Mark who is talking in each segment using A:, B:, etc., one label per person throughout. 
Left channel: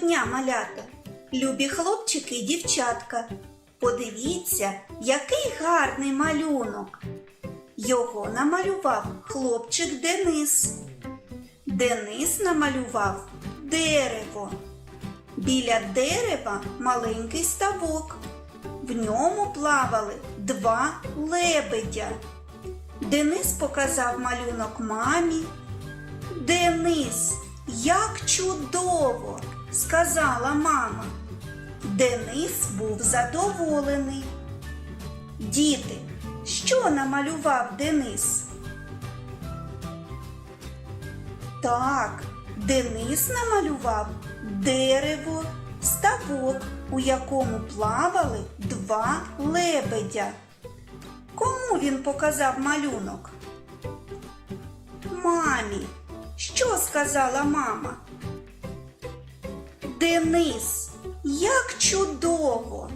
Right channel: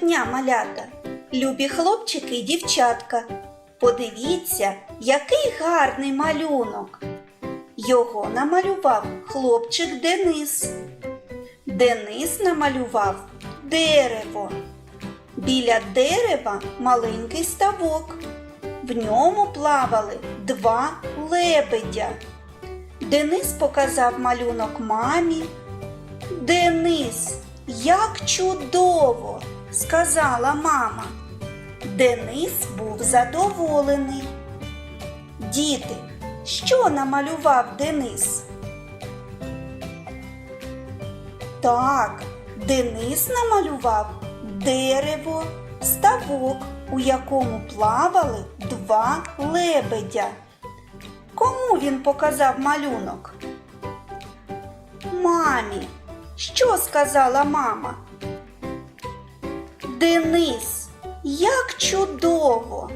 A: дня, малята, любі хлопчики і дівчатка. Подивіться, який гарний малюнок. Його намалював хлопчик Денис. Денис намалював дерево. Біля дерева маленький ставок. В ньому плавали два лебедя. Денис показав малюнок мамі. Денис, як чудово! сказала мама. Денис був задоволений. Діти, що намалював Денис? Так, Денис намалював дерево, ставок, у якому плавали два лебедя. Кому він показав малюнок? Що сказала мама? Денис, як чудово!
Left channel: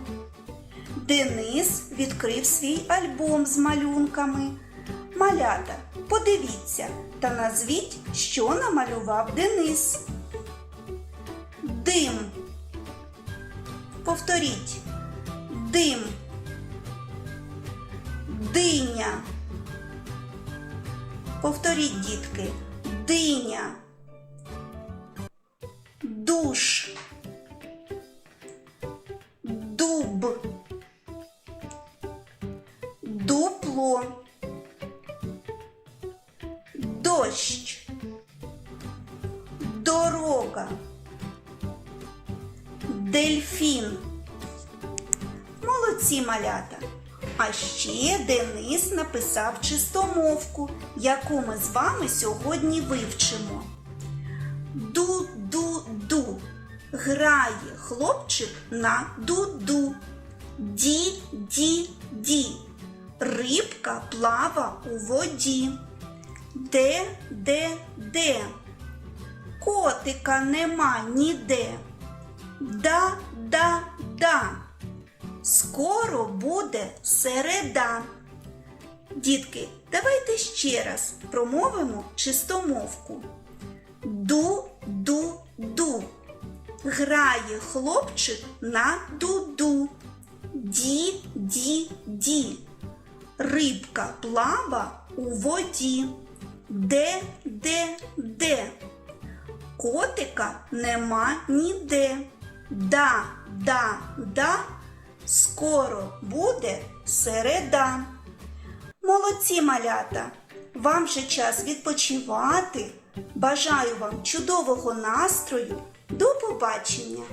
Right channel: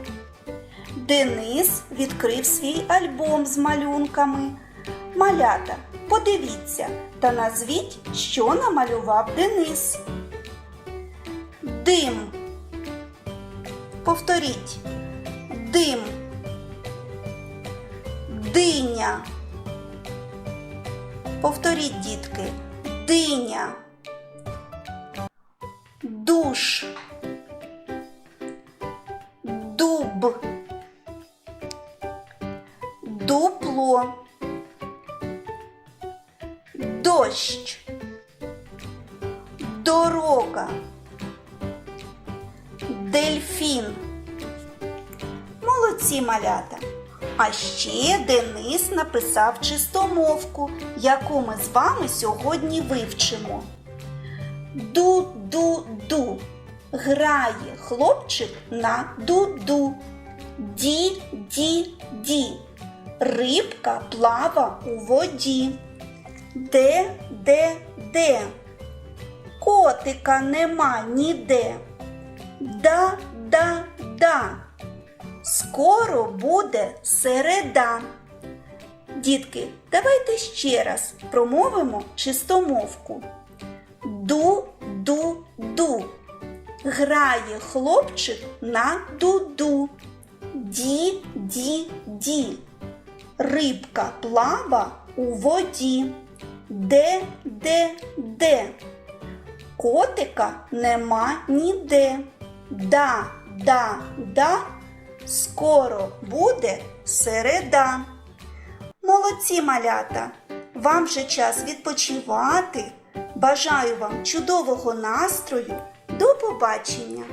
A: Денис відкрив свій альбом з малюнками. Малята, подивіться та назвіть, що намалював Денис. Дим. Повторіть. Дим. Диня. Повторіть, дітки. Диня. Душ. Дуб. Дупло. Дощ. Дорога. Дельфін. Молодці малята. А ще Денис написав чистомовку, яку ми з вами сьогодні вивчимо. Ду-ду-ду. Грає хлопчик на дуду. Ді-ді-ді. Рибка плава у воді. Де, де, де. Котика нема ніде. Да, да, да. Скоро буде середа. Дітки, давайте ще раз промовимо чистомовку. Ду-ду-ду. Грає хлопчик на дуду. Ді-ді-ді. Рибка плава у воді. Де, де, де. Котика нема ніде. Да, да, да. Скоро буде середа. Молодці малята! Вам же час відпочивати. Бажаю вам чудового настрою. До побачення!